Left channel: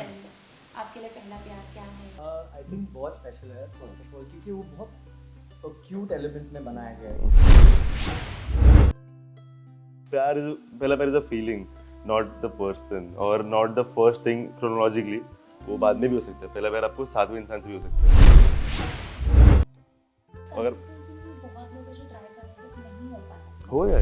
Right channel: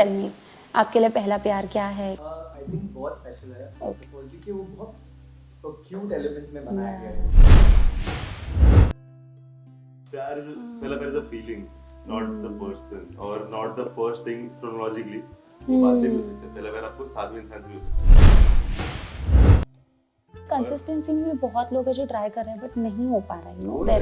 Tell me, आपके लिए पहला प्यार क्या है? आई थिंक बहुत स्पेशल है क्योंकि वो बहुत क्यूट एलिमेंट में बनाया गया है। प्यार इज पहला प्यार is a feeling, not the person और not the first thing chronologically. वो बाद में भी हो सकता है। पहला प्यार आपको सातवें इंसान से भी हो सकता है। कंसिस्टेंसी में बहुत लोग हैं जो ट्राई कर रहे हैं बट नहीं हो पा रहा हो है।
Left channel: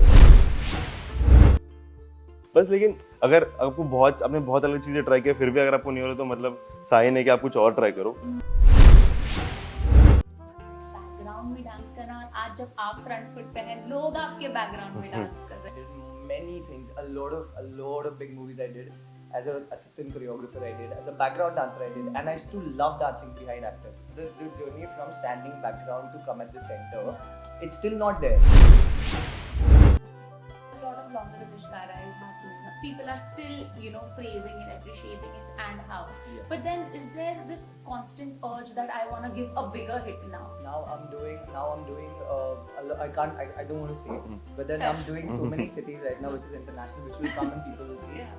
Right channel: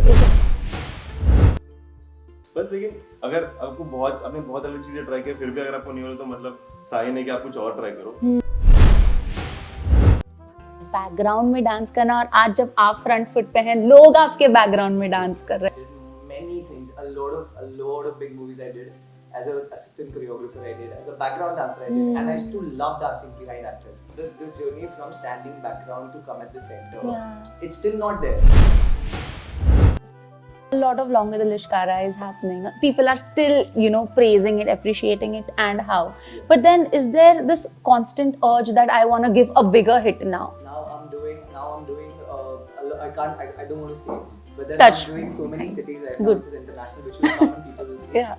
बस लेकिन अगर आपने बहुत अलग चीजें ट्राई किया फिर भी अगर आपको नहीं हो रहा तो मतलब साइन है कि आप कुछ और ट्राई करो। बैकग्राउंड में डांस करना और आज जब आप फ्रंट फुट पे हैं, लोग आपके बैकग्राउंड में डांस कर रहे हैं। Many things, a lot of big movies I did. As an assistant choreographer I did, as a background dancer I did, and I used to love dancing behind actors. The journey from standing background to come at the center, it's still not there. A lot of longer the lashkara is happening. People are still, praising it, appreciating it, and how. But then, is there this constant urge that I want to give a bigger hit now? Now I'm doing. I don't want to say it, but then Touch. I'm doing so many cities right now, Good. which is international, which will come people will see. Yeah.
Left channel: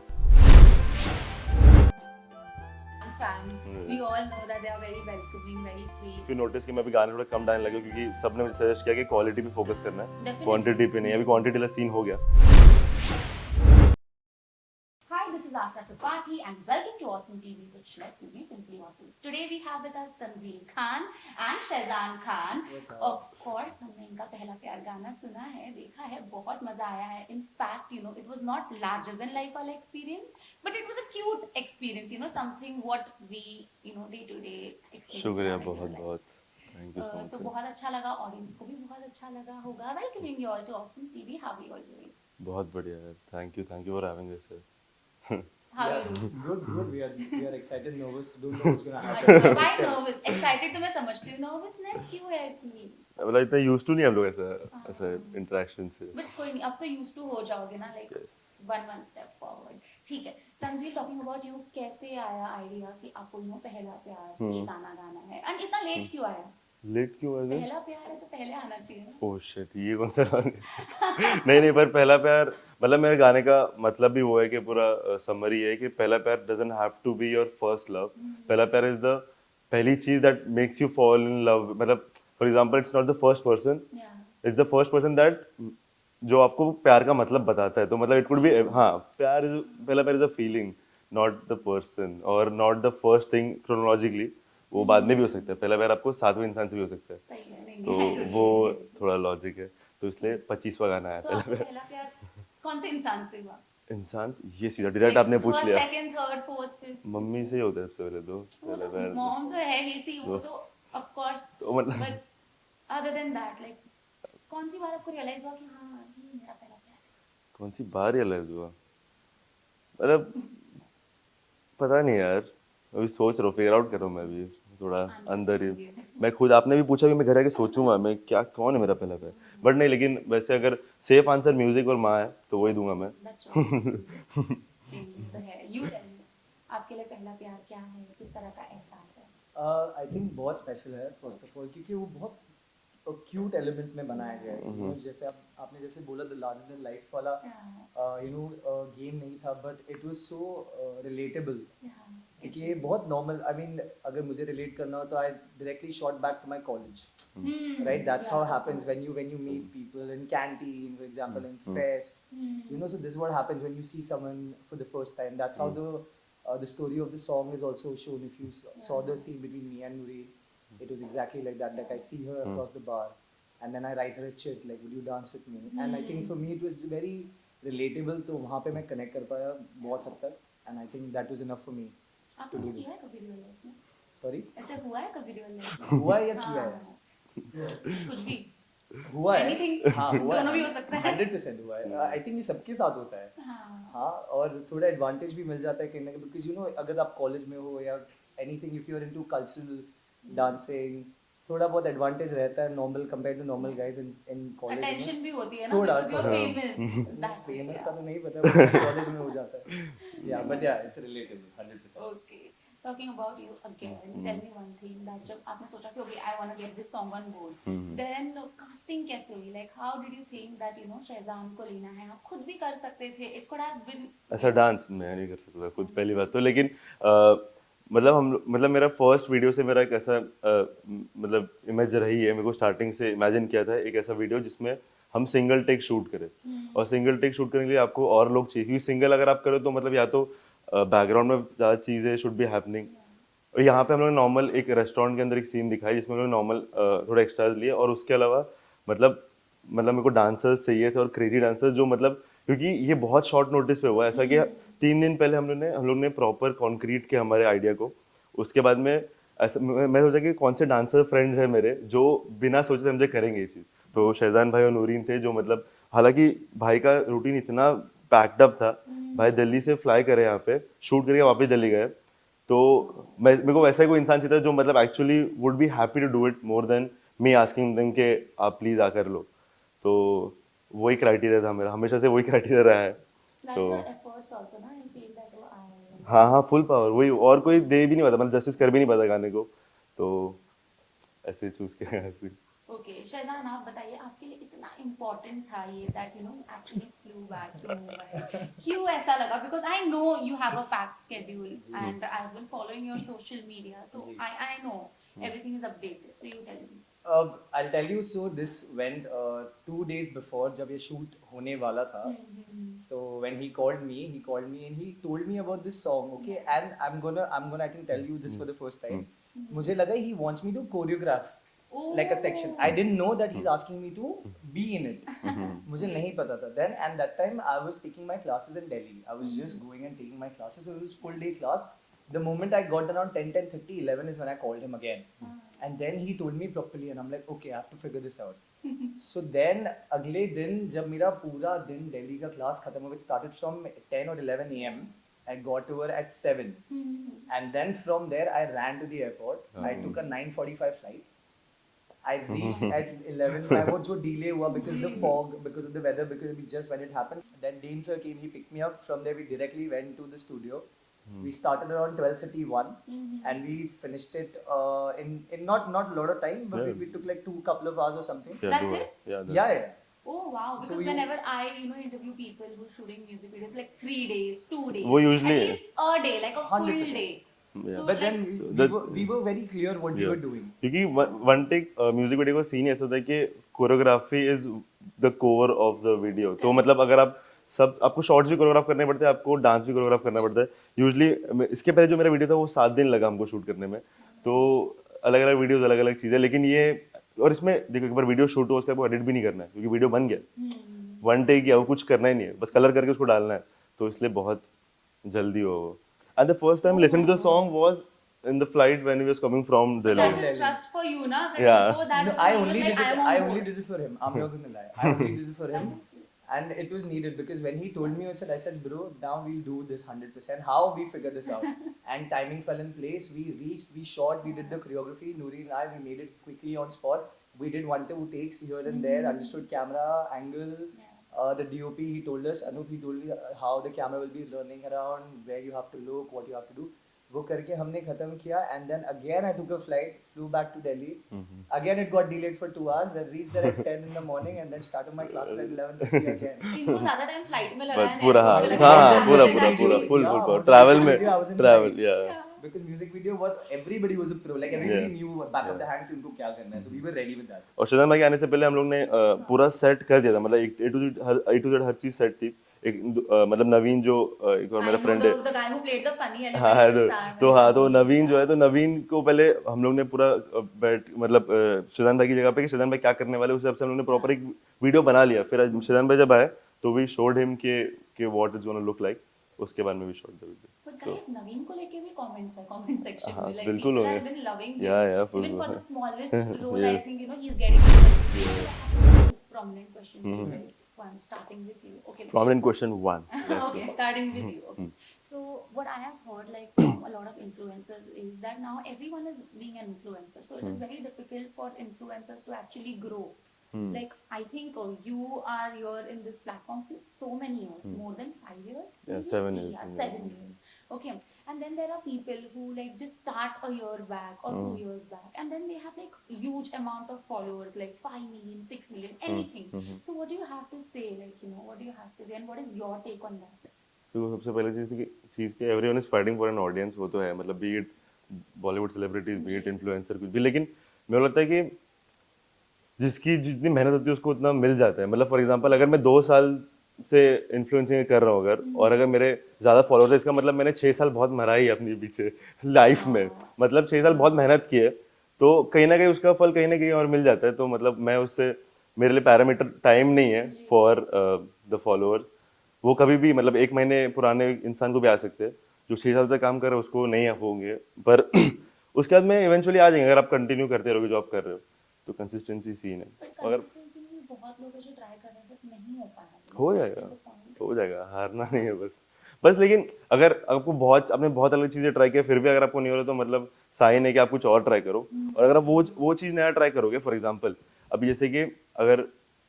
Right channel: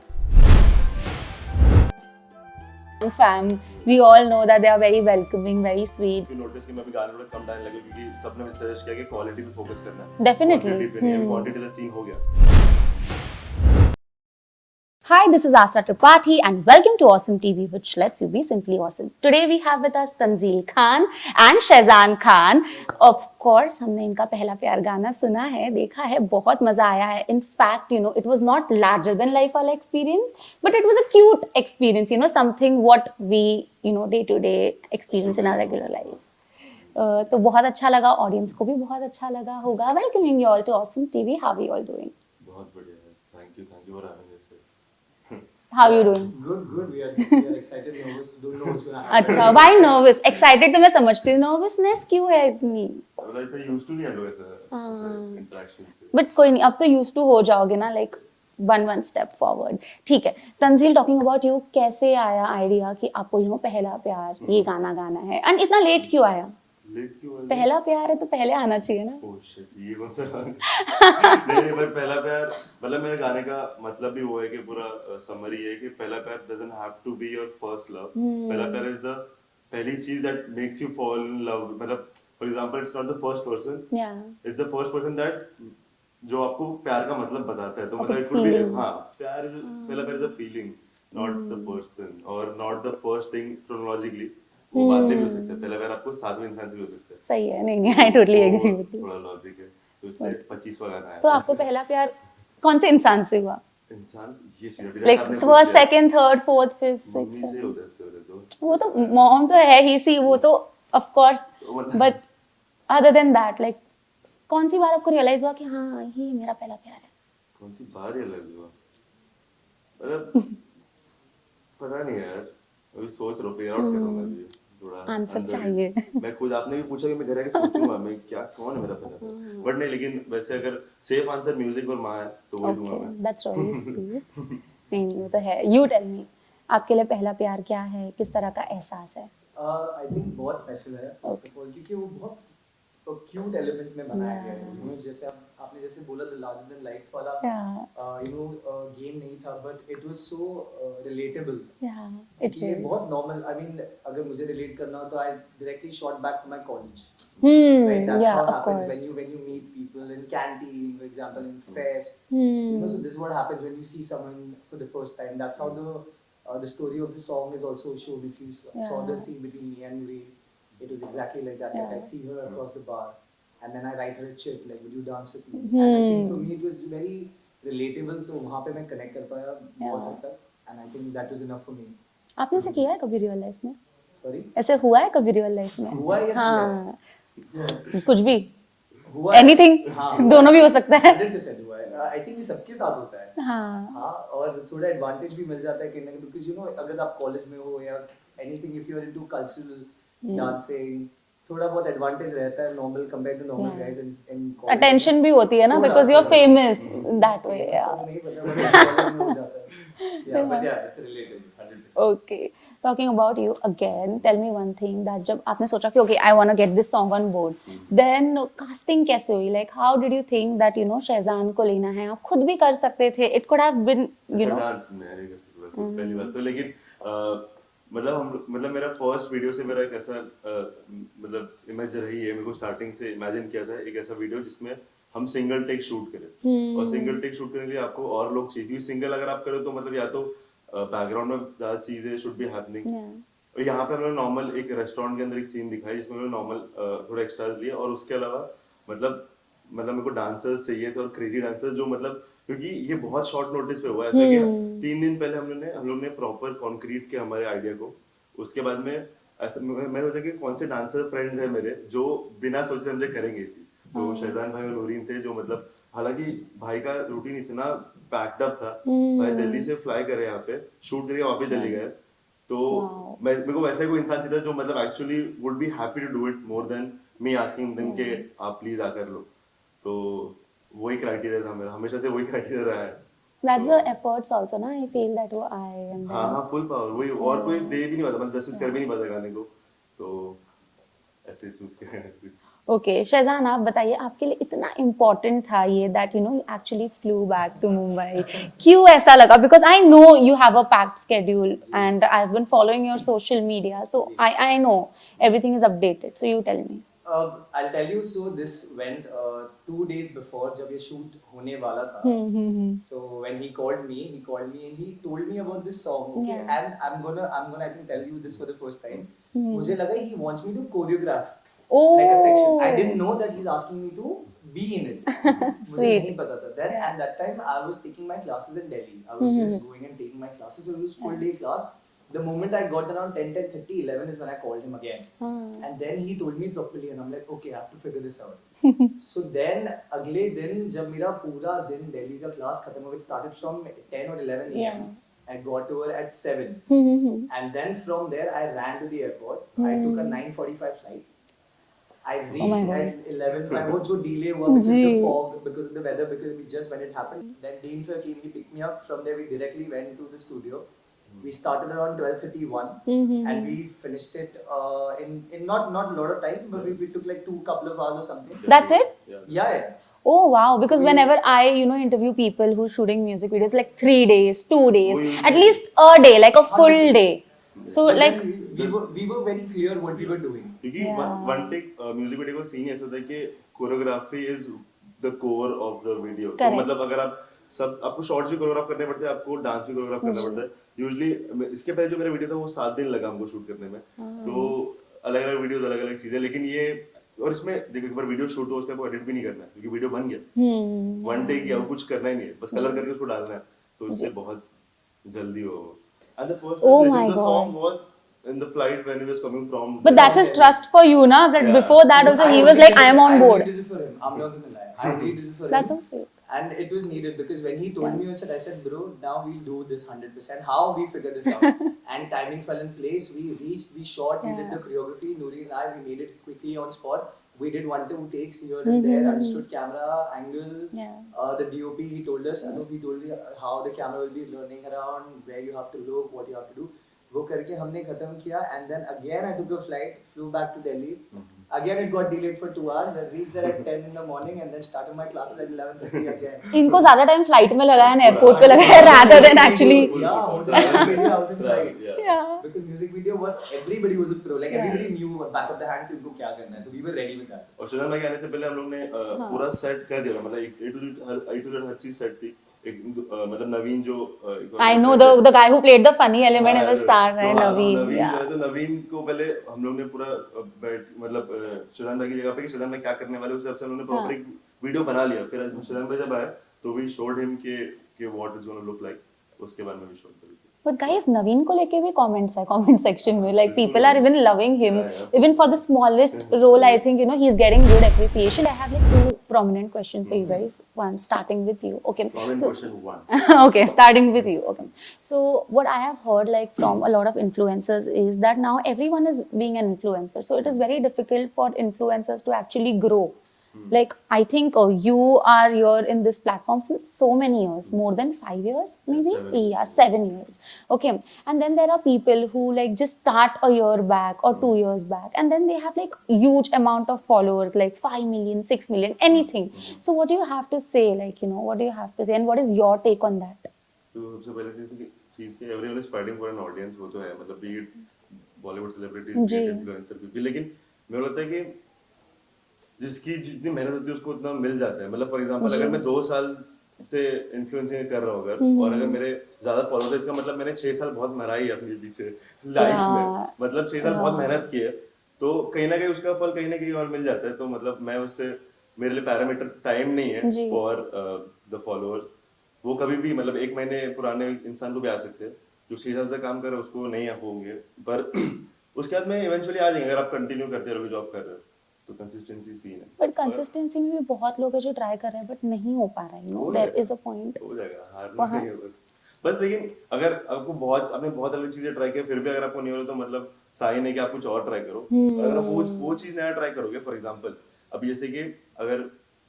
Fam, we all know that they are very welcoming, very sweet. if you notice कि मैं अभी गाने थोड़ा कम डालने लगा क्योंकि सबने मुझे सजेस्ट किया कि क्वालिटी पे फोकस करना है। Definitely. क्वांटिटी पे नहीं, अभी क्वांटिटी वाला सीन हो गया। Hi, this is Asra Tripathi and welcome to Awesome TV, which lets you be simply awesome. Today we have with us Tanzeel Khan and Shehzaan Khan. Of course, हमने इनका पहला प्यार गाना सुना है, देखा है, बहुत मजा आया है. In fact, it was not larger than life वाला experience, but it was a cute experience. Something what we, day to day experience in our regular life. तो बहुत अच्छा लगा, ऑडियंस को भी बहुत अच्छा लगा होगा. Welcoming you all to Awesome TV. How are you all doing? बहुत बढ़िया है। Thank you for having us here. How are you doing? Good. We are excited, nervous. Don't know what's gonna happen. अच्छा, why nervous? Excited तो मैं समझती हूँ, nervousness क्यों है इतनी? मतलब इतना used to नहीं हम लोग ऐसा इंटरेक्शन से। But कोई नहीं, अब तो used to हो जाओगे ना, like one step forward. ठीक है. तंजील, talking about you, कैसे आया आइडिया कि आपको पहला प्यार ये गाना गाना है? And इतना लेट क्यों आया? लेट क्यों आया? पहला प्यार है तो पहले आना चाहिए ना? ओह शिट, ये कौन सा नहीं पर पहला प्यार मतलब मेरे गाने का मतलब भी वो है कि पूरा समरी है कि पहला प्यार doesn't have to be your first love. पहला प्यार is the पहली चीज that makes you fall in love. मतलब for example it's not the first person, it's the first person that जो आपको प्यार का मतलब बताता है। तो मतलब it could be पहला प्यार is a feeling, not the person or not the first thing chronologically. वो बाद में भी हो सकता है। पहला प्यार आपको सातवें इंसान से भी हो सकता है। सही है, नहीं I totally agree with you. थोड़ा लॉजिक है, तो इसलिए 25वां गाना है। तो आपको पहला प्यार कौन से इंसान से हुआ? इंसान ये सीधा डायरेक्ट आपने पूछ लिया। First, second, third, fourth, fifth, mummy से होता है पहले तो। वो तो मॉम तो है ही सी, वो तो of course, but other than that like कौन सी बार आपको रियलाइज हुआ कि हाँ ये मेरा पहला प्यार है? कौन सी बार रियलाइज हुआ? मतलब पता नहीं यार, अभी सोच रहा हूँ, फिगर आउट कर रहा हूँ मैं भी थोड़ा अंदर ही। मैं खुद, आपने भी पूछा कि मैं घर आके सोचूंगा मैं क्या कौन है मेरा पहला प्यार, बट नहीं, लेकिन वैसे अगर सेफ आंसर म्यूजिक और माँ है तो वही दूंगा मैं। That's really sweet. नहीं वो तो है। यू टेल मी, आपके लिए पहला प्यार क्या है, किस तरह का एहसास है? आई थिंक बहुत स्पेशल है क्योंकि वो बहुत क्यूट एलिमेंट में बनाया गया है। जैसे आपने जैसे बोला द लार्जर देन लाइफ वाला गेम नहीं था, but it was so relatable. ये बहुत नॉर्मल, आई मीन अगर मुझे रिलेट करना हो तो I directly shot back to my college, right? That's how happens when you meet people in canteen, for example, in fest, so this is what happens when you see someone for the first time. That's how the story of the song is also shown. If you saw the scene between me and Nuri, it was exactly like that. Like I see her across the bar and then I write her a chick like would you dance with me, and I think for me it was very relatable. तो वहाँ पे मैं connect कर पाया बहुत हद तक, and I think that was enough for me. आपने ऐसे किया है कभी रियल लाइफ में? Sorry, ऐसे हुआ है कभी रियल लाइफ में? हुआ है? हाँ, कुछ भी हुआ, एनीथिंग, दोनों भी हो सकता है। 100% हुआ है। I think ये सबके साथ होता है। हाँ, और थोड़ा एडवांटेज भी मिल जाता है कहीं ना कहीं, because अगर आप कॉलेज में हो या anything, if you are into cultural dancing, थोड़ा बहुत एडवांटेज रहता है normal compare to normal guys in college. Attention भी होती है ना, because you are famous that way. नहीं पता कॉलेज में हो जाता है। But it's related 100%। Okay, talking about you again, tell me one thing that जब आपने सोचा कि okay I want to get this song on board, then casting कैसे हुई? Like how did you think that शेहजान को लेना है? आप खुद भी कर सकते थे, it could have been dance मैं नहीं कर सकता खुद पहली बात तो, लेकिन मतलब मेरा फर्स्ट वीडियो से मेरा एक ऐसा मतलब इमेज रही है, मेरे को स्टार्टिंग से इमेजिन किया था एक ऐसा वीडियो जिसमें हम सिंगल टेक शूट करें। और सिंगल टेक शूट करने के लिए आपको और लोग चाहिए, क्योंकि सिंगल अगर आप करो तो मतलब या तो बैकग्राउंड में ज़्यादा चीज़ें शुड बी हैपनिंग। और यहाँ पे हम लोग नॉर्मल एक रेस्टोरेंट के अंदर एक सीन दिखाई जिसमें हम लोग नॉर्मल थोड़ा एक्स्ट्राज लिए, और उसके अलावा मतलब मेरे को डांसर्स चाहिए थे, और क्रेजी डांसर्स जो मतलब, क्योंकि ये बहुत शॉर्ट नोटिस पे हुआ ऐसा कि 3 दिन पहले हम लोग ने प्रॉपर कॉन्क्रीट किया हमारे आइडिया को। उसके बाद में ऐसा मैं सोचा कि कौन से डांसर फ्रेंड्स हैं मेरे जो बिना सोचे समझे करेंगे ये चीज। तो शहजान भाई और नूरीन थे जो मतलब, हालांकि भाई का रूटीन इतना पैक्ड अप था, भाई दिल्ली से फ्लाई करे यहाँ पे शूट करके वापस दिल्ली गए। तो मेरे को वैसा ही कोई इंसान चाहिए था जो मतलब actually would be happy to do it more than me asking them कि आप प्लीज आकर लो। तो वही क्राइटेरिया था मेरा, हमेशा से वही क्राइटेरिया रहा है। That's तो the efforts also, na? I feel that oh I and हाँ then हाँ, फुल पावर वही, और कोई दे भी नहीं पाता, मतलब जस्टिस कर भी नहीं पाता गाने को। तो ऐसे चूज किया ऐसे। Okay, शहजान आप बताइए आपके लिए इतना इम्पोर्टेंट था ये that you know you actually flew back to Mumbai. क्यों ऐसा लगा? Because I know you have a packed schedule and I've been following your social media, so I know everything is updated. So you tell me. I'll tell you. So this went 2 days before जब ये shoot होने वाला था. So when he called me and he told me about this song. Okay, Yeah. and I'm gonna I think tell you this for the first time. मुझे लगा he wants me to choreograph Oh, like a section. I didn't know that he's asking me to be in it. मुझे Sweet. नहीं पता था. Then at that time I was taking my classes in Delhi. I was just going and taking my classes. So it was full day class. The moment I got around 10, 10:30, 11 is when I called him again. And then he told me properly and I'm like, okay, I have to figure this out. So then अगले दिन जब मेरा पूरा दिन दिल्ली का class खत्म हुआ, it started from 10 or 11 a.m. Yeah. I got over at 7. And then from there I ran to the airport. I took a 9:45 flight. I reached God. at 11. My वो जो delay हुआ because of the fog, because of the weather, because we just when it happened. Then Dean sir came, he picked me up. From there we directly went to the studio. We started around 12:31 and we finished it in not a lot of time, but we took like couple of hours or something. That's it? Yeah. Oh wow! Because whenever I interview people who's shooting music videos, like 3 days, 2 days, वो at usually- least a day, like a full day. So But like then we were very clear what we were doing. क्योंकि one take music video का scene ऐसा होता है कि choreography is the core of the video. तो Correct. मतलब अगर आपको शॉर्ट्स भी कोरियोग्राफ करने पड़ते हैं, आपको डांस भी कोरियोग्राफ करना पड़ता है। यूजुअली इसके पहले जो मेरा वीडियो था वो 7 दिन लगा हमको शूट करने में। तो अलग अलग वीडियोस, अलग अलग चीजें, लेकिन ये और इसमें देखो एक बार वीडियो शूट हो उसके बाद एडिट भी नहीं करना है क्योंकि वीडियो बन गया, वन टेक किया, वो कुछ करना ही नहीं है, बस कलर करके उसको डालना है। तो इसलिए बहुत जल्दी हो। And the first time Oh listening my to the God. Song was in the flight when he was coming from but that's his trust for you, na? That Yeah. before that also he was like, I am on board. I did it for him. I'm not gonna lie. I really did it for That's so him. sweet. And it was needed because when he told me, I said, bro, now we'll do this 100%. How we figure this out? And timing fell in place. We reached, we shot, we did the choreography. Nuri and I, we made it quickly on spot. We did 1-2 takes here and there, understood camera angle. The DOP, he told us, Anup, he told me how the camera will be running around, where you have to look, what you have to do. वो करके हमने खत्म किया and then again I took a flight, flew back to Delhi. Again it got delayed for 2 hours. Then reached there at 10 in the morning and then started my classes at 11:30 again. इनको ज्यादा time flight में लगाया ना airport पे लगाया rather than actually travel में Yeah, I was in travel flight. या Because music video, what everybody was a pro. Like everybody knew back of the hand कि उनको क्या करना है. So we were ready with that. और शहजान भाई के आने से पहले हम लोग ने पूरा सेट कर दिया था, मतलब A to Z हर चीज सेट थी। एक मतलब नवीन जो I know the guy who played the funny element in the star, तो right? हाँ, तो नवीन yeah. जो है, तो नवीन को पहले हम लोग ने पूरा बैठ मतलब शहजान भाई की जगह पे कि शहजान भाई क्या करने वाले उस हिसाब से हम लोग ने प्रॉपर एक वीडियो बना लिया। फिर आज शहजान भाई जब आए तो वी शोड हिम के what is gonna look like, उसके बाद में we showed the video. But guys, Naveen को लेके भी comments है comment section में, like बिल्कुल people are होगा। even loving him. Yeah, Even for the smallest role, I think he's getting good appreciation. I have like 2 prominent questions for you guys. One starting with you. Okay. Prominent So- question 1. okay, starting with you. Okay. So what I have heard like from a lot of influencers is that now everyone is being an influencer. So it is very difficult for influencers to actually grow. Like I think you are here in this platform since so many years, more than 5 years, maybe 7 years. yeah, 7 years. Okay, and then there are people who like just start a year back or 2 years back, and then they have like huge amount of followers, like 5 million, 6 million, anything. So what do you have to say, like what do you have to say, and what is your take on that? तो सबसे पहले चीज के everyone is fighting for an audience, वो तो है, मतलब be it Bollywood celebrities, be जी इट इन्फ्लुएंसर, कुछ भी, लेकिन मेरे को लगता है कि जिसकी जितनी मेहनत होती है उसको उतना मिल जाता है। मतलब फॉर एग्जांपल जी अगर मैं 2 साल से इन्फ्लुएंसिंग कर रहा हूँ अगर, और अगर मेरे ज्यादा फॉलोअर्स है, इसका मतलब मैंने 6 साल बहुत मराई है अपने पीछे लाइफ में, या मतलब 6 साल बहुत मेहनत की है, तो कहीं ना कहीं उसका फल कहीं ना कहीं और मिल जाता है। तो मतलब मैं उससे, मेरे लिए पैरामीटर टाइम नहीं है जी फॉर द फॉलोअर्स। वो कभी भी मतलब 1 महीने पुराने इंसान को भी आ सकते हैं, जो 6 साल से काम कर रहे हैं उसको नहीं होंगे, पर उसके बाद में इवेंचुअली आ जाएंगे, अगर आप कंटिन्यू करते रहोगे जॉब कर रहे हो तो। कंसिस्टेंसी सीन है, बट मगर कंसिस्टेंसी में भी बहुत लोग हैं जो ट्राई कर रहे हैं बट नहीं हो पा रहा है, हो देयर जाएगा, इज अ पॉइंट हो जाएगा, हारना वहाँ। नहीं है बस। बस लेकिन अगर आपको बहुत, आपने बहुत अलग चीजें ट्राई किया फिर भी अगर आपको नहीं हो रहा, तो मतलब साइन है कि आप कुछ और ट्राई करो। और अगर आप वो चीज नया ट्राई करोगे, फॉर एग्जांपल अभी जैसे कि अगर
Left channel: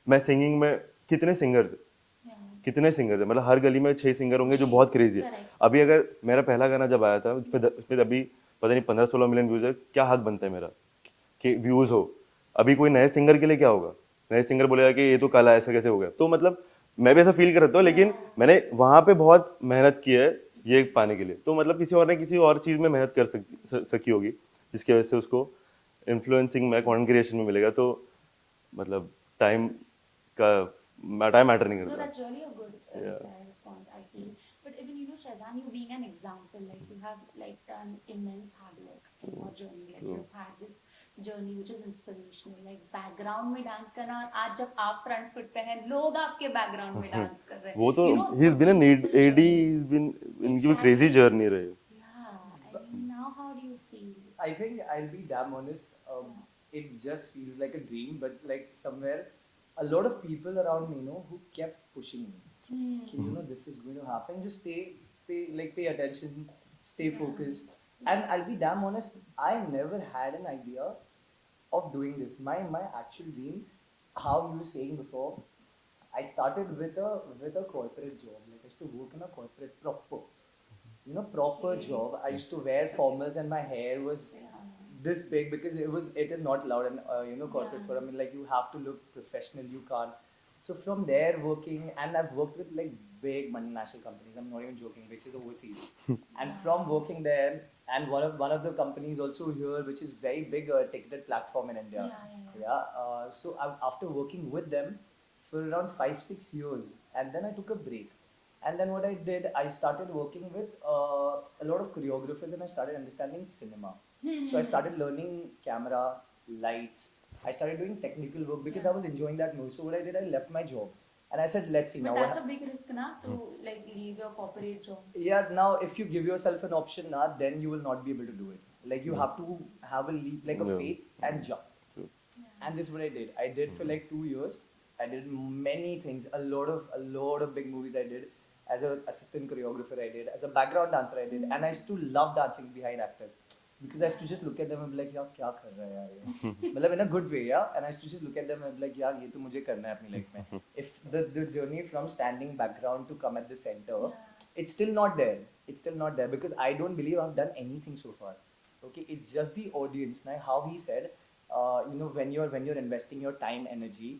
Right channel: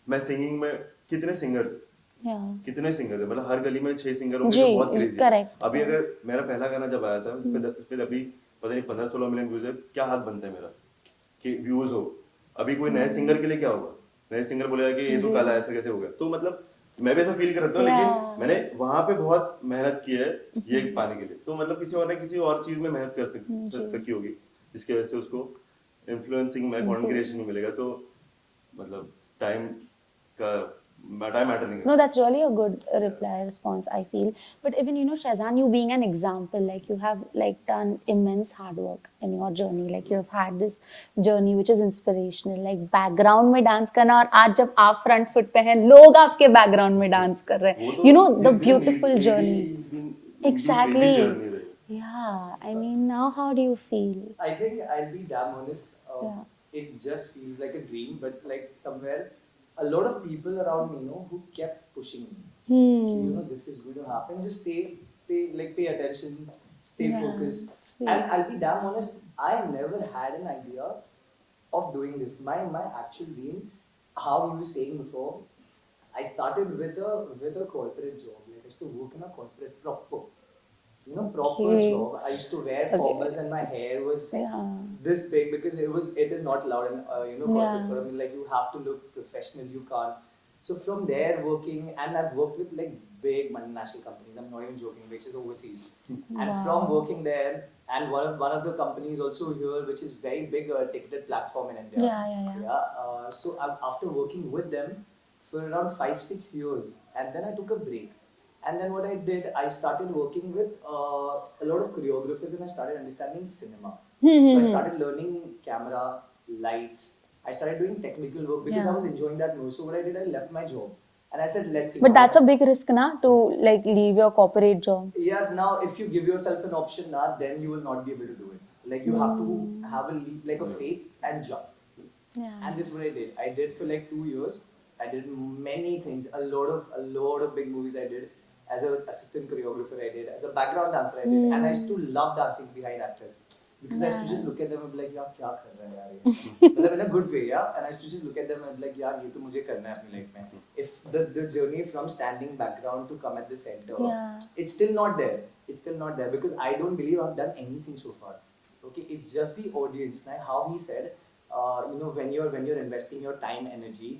मैं सिंगिंग में, कितने सिंगर्स, या कितने सिंगर्स है, मतलब हर गली में 6 सिंगर होंगे जी जो बहुत क्रेजी है। करेक्ट अभी अगर मेरा पहला गाना जब आया था उस पे अभी पता नहीं 15-16 मिलियन व्यूज है, क्या हक बनता है मेरा कि व्यूज हो। अभी कोई नए सिंगर के लिए क्या होगा, नए सिंगर बोलेगा कि ये तो जी कल आया, ऐसे कैसे हो गया, तो मतलब मैं भी ऐसा फील कर रहा था, या लेकिन मैंने वहां पे बहुत मेहनत की है ये पाने के लिए। तो मतलब किसी और ने किसी और चीज में मेहनत कर जी सकी होगी, जिसकी वजह से उसको इन्फ्लुएंसिंग में, कंटेंट जी क्रिएशन में मिलेगा। तो मतलब टाइम का टाइम मैटर नहीं No, करता। that's really a good Yeah. reply response, I feel. But even Shehzaan, you being an example, like you have like done immense hard work in your journey. Like you have had this journey which is inspirational. Like background में dance करना और आज जब आप front foot पे हैं, लोग आपके background में dance कर रहे वो हैं. तो The he's been an beautiful AD, journey. he's been, इनकी क्रेजी Exactly. जर्नी रही। Yeah. I mean, now how do you feel? I think I'll be damn honest. Yeah. It just feels like a dream, but like somewhere, a lot of people around me, who kept pushing me. This is going to happen. Just pay attention, stay Yeah. focused. Sweet. And I'll be damn honest. I never had an idea of doing this. My actual dream, how you were saying before, I started with a corporate job. Like I used to work in a corporate proper. Proper Okay. job. I used to wear Okay. formals and my hair was Yeah. this big because it is not allowed in corporate Yeah. for me. Like you have to look professional. You can't. So from there working, and I've worked with like big multinational companies. I'm not even joking, which is overseas. And from Wow. working there, and one of the companies also here, which is very big ticketed platform in India. Yeah. So after working with them for around 5-6 years, and then I took a break. And then what I did, I started working with a lot of choreographers, and I started understanding cinema. So I started learning camera, lights. I started doing technical work because I was enjoying that most. So what I did, I left my job, and I said, "Let's see." But Now that's a what big risk, na, to like leave your corporate job. Yeah, now if you give yourself an option, then you will not be able to do it. Like you have to have a leap, like a Yeah. faith and jump. Yeah. And this is what I did. I did for like 2 years. I did many things. A lot of big movies I did. As an assistant choreographer I did. As a background dancer I did. And I used to love dancing behind actors. Because I used to just look at them and be like, यार क्या कर रहा है यार ये? मतलब in a good way, yeah. And I used to just look at them and be like, यार ये तो मुझे करना है अपनी life में. If the journey from standing background to come at the center, it's still not there. It's still not there because I don't believe I've done anything so far. Okay, it's just the audience. Now, how he said, when you're investing your time, energy,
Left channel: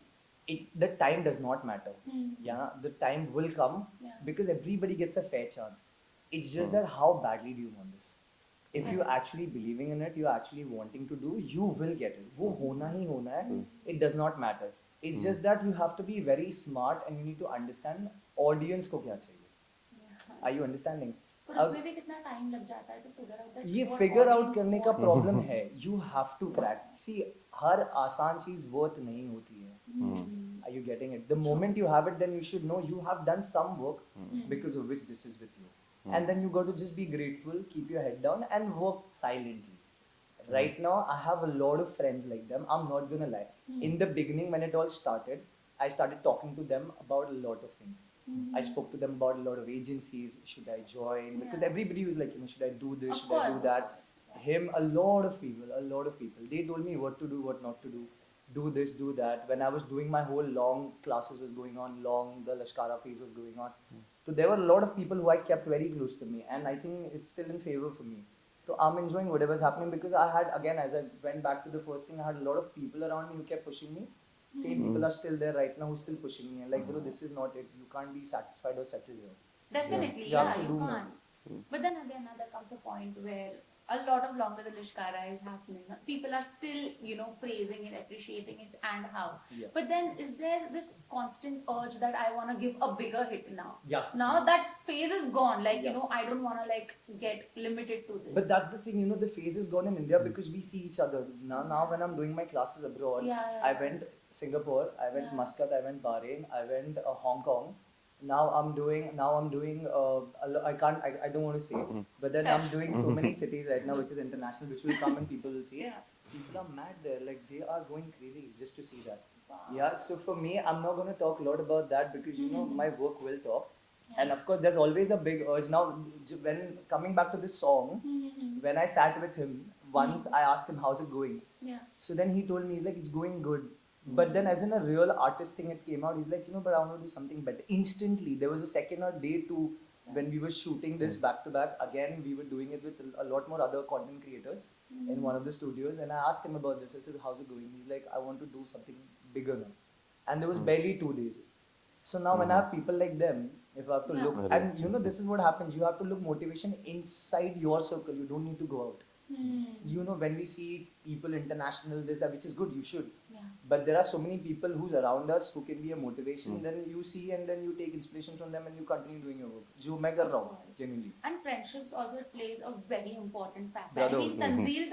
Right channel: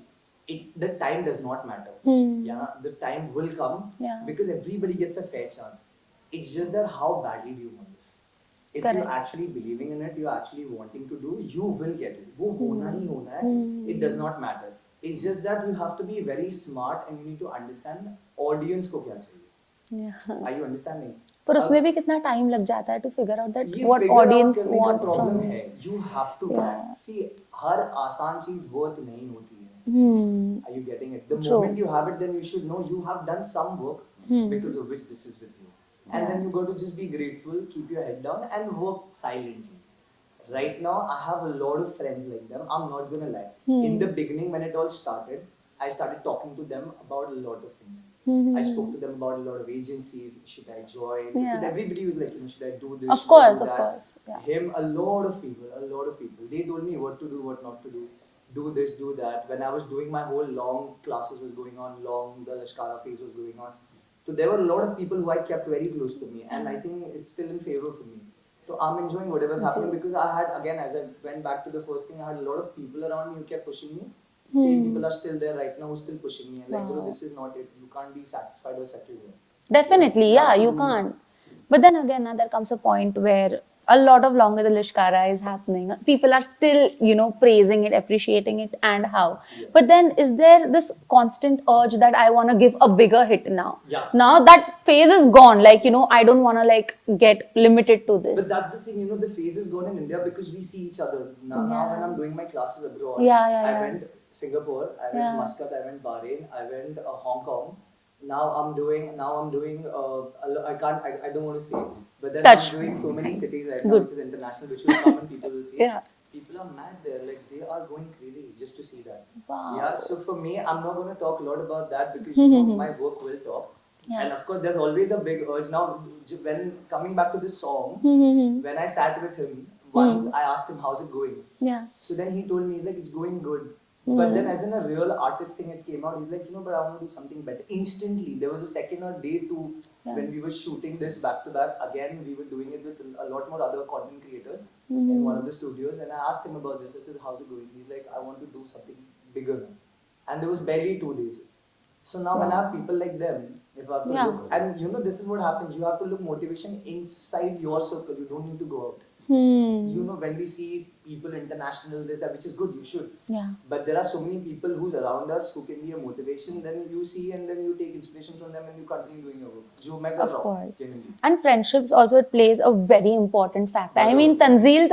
it's the time does not matter. Yeah, the time will come Yeah. because everybody gets a fair chance. It's just that how badly do you want this? If you're Correct. actually believing in it, you're actually wanting to do, you will get it. वो होना ही होना है. It does not matter. It's just that you have to be very smart and you need to understand audience को क्या चाहिए. Yeah. Are you understanding? पर उसमें भी कितना टाइम लग जाता है to figure out that ये what figure out audience करने का want प्रॉब्लम from है. you. You have to Yeah. crack. See, हर आसान चीज worth नहीं होती है. Are you getting it? The True. moment you have it, then you should know you have done some work because of which this is with you. And then you got to just be grateful, keep your head down, and work silently. Right now, I have a lot of friends like them. I'm not gonna lie. In the beginning, when it all started, I started talking to them about a lot of things. I spoke to them about a lot of agencies. Should I join? Because everybody was like, should I do this? Of Should I course, do of that? course. Yeah. Him, a lot of people. They told me what to do, what not to do. Do this, do that. When I was doing my whole long classes was going on, long the lashkara phase was going on. So there were a lot of people who I kept very close to me, and I think it's still in favor for me. So I'm enjoying whatever's happening because I had, again, as I went back to the first thing, I had a lot of people around me who kept pushing me. Same people are still there right now who still pushing me. Like, bro, this is not it. You can't be satisfied or settled here. Definitely, You have yeah, to you do can't. But then again, now there comes a point where a lot of longer the lashkara is happening. People are still, praising it, appreciating it, and how. But then, is there this constant urge that I want to give a bigger hit now? Yeah. Now that phase is gone. Like, I don't want to like get limited to this. But that's the thing, the phase is gone in India because we see each other. Now when I'm doing my classes abroad, I went Singapore, I went Muscat, I went Bahrain, I went Hong Kong. I don't want to say, but then Touch. I'm doing so many cities right now, which is international, which will come and people will see. Yeah. People are mad there, like they are going crazy just to see that. Wow. Yeah, so for me, I'm not going to talk a lot about that because my work will talk. Yeah. And of course, there's always a big urge. Now, when coming back to this song, when I sat with him, once I asked him, how's it going? Yeah. So then he told me, he's like, it's going good. But then as in a real artist thing, it came out, he's like, but I want to do something better. Instantly, there was a second or day two when we were shooting this back to back. Again, we were doing it with a lot more other content creators in one of the studios. And I asked him about this. I said, how's it going? He's like, I want to do something bigger now. And there was barely 2 days. So now when I have people like them, if I have to look, and this is what happens, you have to look motivation inside your circle, you don't need to go out. When we see people international, this, that, which is good, you should. Yeah. But there are so many people who's around us who can be a motivation, then you see and then you take inspiration from them and you continue doing your work. Of course. And friendships also, it plays a very important factor. I mean, Tanzeel,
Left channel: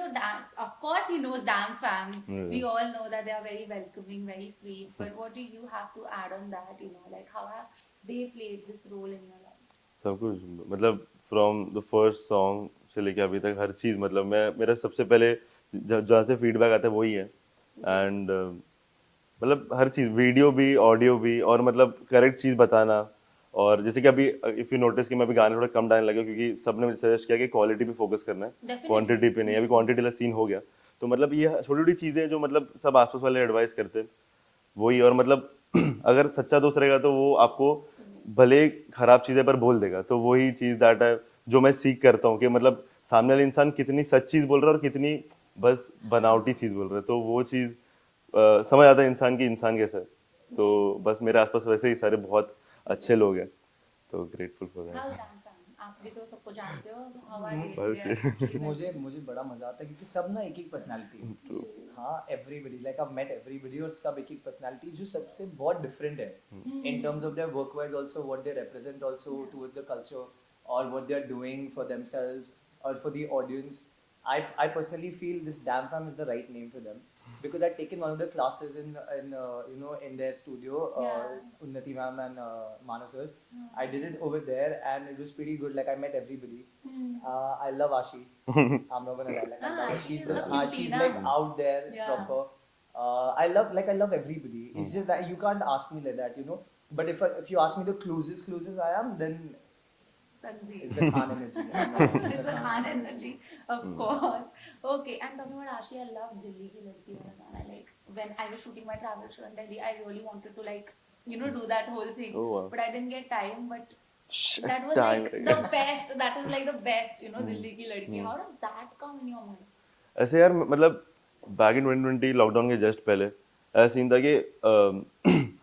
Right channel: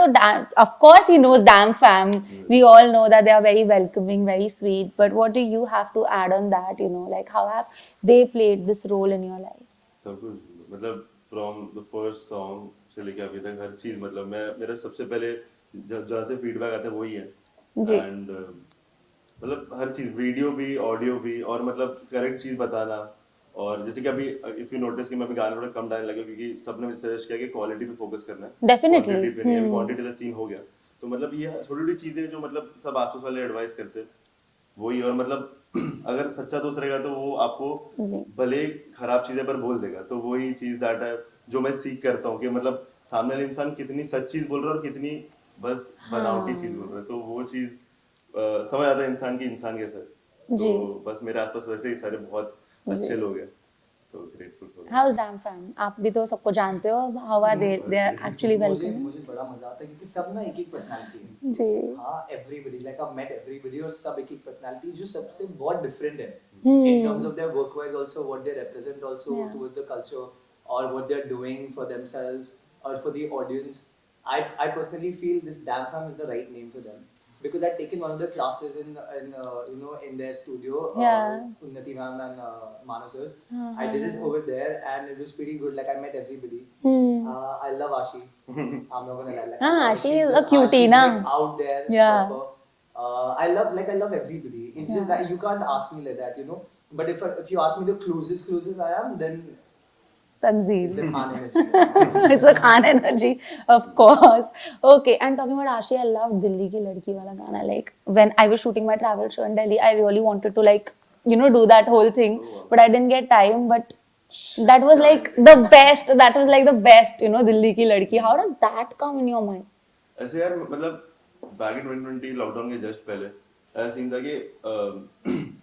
of course he knows damn fam. We all know that they are very welcoming, very sweet. But what do you have to add on that, like how have they played this role in your life? सब कुछ मतलब from the first song से लेके अभी तक हर चीज मतलब मेरा सबसे पहले जहाँ से फीडबैक आता है वही है एंड मतलब हर चीज वीडियो भी ऑडियो भी और मतलब करेक्ट चीज बताना और जैसे कि अभी इफ यू नोटिस कि मैं अभी गाने थोड़ा कम डालने लगा क्योंकि सबने मुझे सजेस्ट किया कि क्वालिटी पे फोकस करना है क्वांटिटी पे नहीं अभी क्वांटिटी वाला सीन हो गया तो मतलब ये छोटी छोटी चीजें जो मतलब सब आसपास वाले एडवाइस करते वही और मतलब अगर सच्चा दोस्त रहेगा तो वो आपको भले खराब चीजें पर बोल देगा तो वही चीज दैट है जो मैं सीख करता हूँ कि मतलब सामने वाले इंसान कितनी सच चीज बोल रहा है और कितनी बस बनावटी चीज बोल रहा है तो वो चीज समझ आता है इंसान की इंसान कैसा है तो बस मेरे आसपास वैसे ही सारे बहुत अच्छे लोग हैं तो grateful for how is them fam आप भी तो सबको जानते हो how are they are actually welcome मुझे बड़ा मजा आता है क्योंकि सब ना एक एक पर्सनालिटी है जी हां everybody like I met everybody और सब एक एक पर्सनालिटी जो सबसे बहुत डिफरेंट है in terms of their work wise also what they represent also towards the culture और what they are doing for themselves और for the audience I personally feel this damn fam is the right name for them because I'd taken one of the classes in their studio Unnati ma'am and Manav sir. I did it over there and it was pretty good. Like I met everybody. I love Ashi. I'm not gonna lie. Ashi is a cutie, na? Like out there. Yeah. I love everybody. It's just that you can't ask me like that, But if you ask me the closest I am, then Tanzeel. It's the Khan energy. It's a Khan energy, of course. Okay, and talking about Ashi, I love Dilli Ki Ladki wala gana. Like when I was shooting my travel show in Delhi, I really wanted to do that whole thing, but I didn't get time. But that was like the best. That was like the best, Dilli Ki Ladki. How did that come in your mind? ऐसे यार मतलब back in 2020 lockdown के just पहले ऐसा scene था कि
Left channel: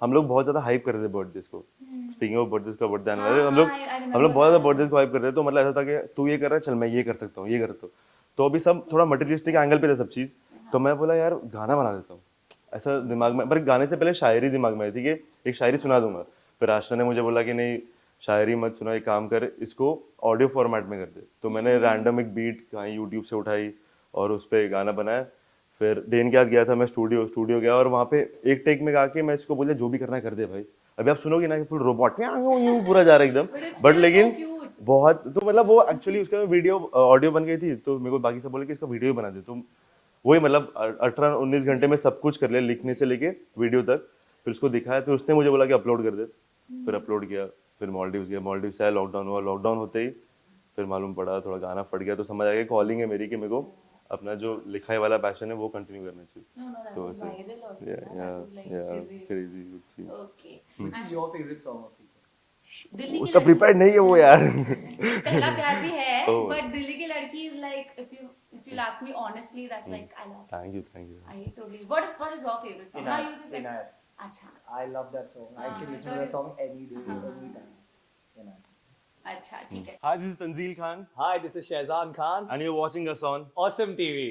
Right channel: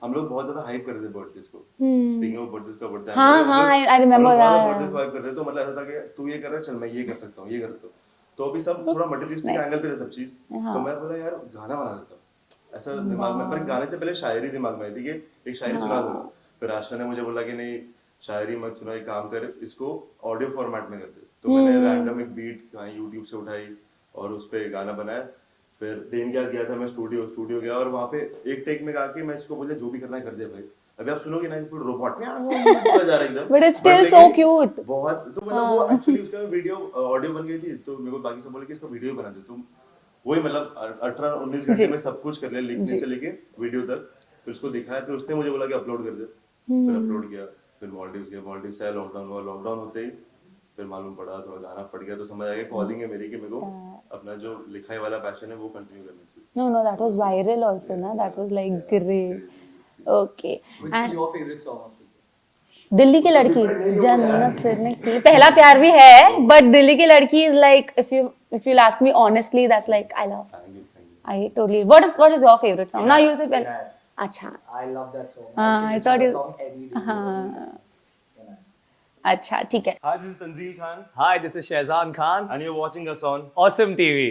हम लोग बहुत ज्यादा हाइप कर रहे थे बर्थडेज को स्पीकिंग ऑफ बर्थडेज का बर्थडे हम लोग बहुत ज्यादा बर्थडेज को हाइप कर रहे थे तो मतलब ऐसा था कि तू ये कर रहा है चल मैं ये कर सकता हूँ ये कर सकता हूँ तो अभी सब थोड़ा मटेरियलिस्टिक एंगल पे था सब चीज तो मैं बोला यार गाना बना देता हूँ ऐसा दिमाग में पर गाने से पहले शायरी दिमाग में आई थी कि एक शायरी सुना दूंगा फिर आशा ने मुझे बोला कि नहीं शायरी मत सुना एक काम कर इसको ऑडियो फॉर्मेट में कर दे तो मैंने रैंडम एक बीट कहीं यूट्यूब से उठाई और उस पर गाना बनाया फिर देन के बाद गया था मैं स्टूडियो गया और वहाँ पे एक टेक में गा के मैं इसको बोले जो भी करना है कर दे भाई अभी आप सुनोगे ना फुल रोबोट पूरा जा रहा है एकदम but it's still so cute बहुत तो मतलब वो एक्चुअली उसका वीडियो ऑडियो बन गई थी तो मेरे को बाकी सब बोले कि इसका वीडियो बना दे तो वही मतलब 18-19 घंटे में सब कुछ कर लिया लिखने से लेके वीडियो तक फिर उसको दिखाया फिर उसने मुझे बोला कि अपलोड कर दे फिर अपलोड किया फिर मालदीव्स गया मालदीव्स से लॉकडाउन हुआ लॉकडाउन होते ही फिर मालूम पड़ा थोड़ा गाना फट गया तो समझ आ गया कॉलिंग है मेरी कि मेरे को अपना जो लिखाई वाला पैशन है वो कंटिन्यू करना चाहिए no that was viral also na that was like great okay which is your favorite song Delhi की लड़की प्रिपेयर्ड नहीं है वो यार पहला प्यार भी है बट दिल्ली की लड़की is like if you'll ask me honestly that's like I love thank you I totally what is your favorite song now you'll say पहला अच्छा I love that song I thought song any day अच्छा ठीक है. Hi, this is Tanzeel Khan, Hi, this is Shehzaan Khan. and you're watching us on Awesome TV.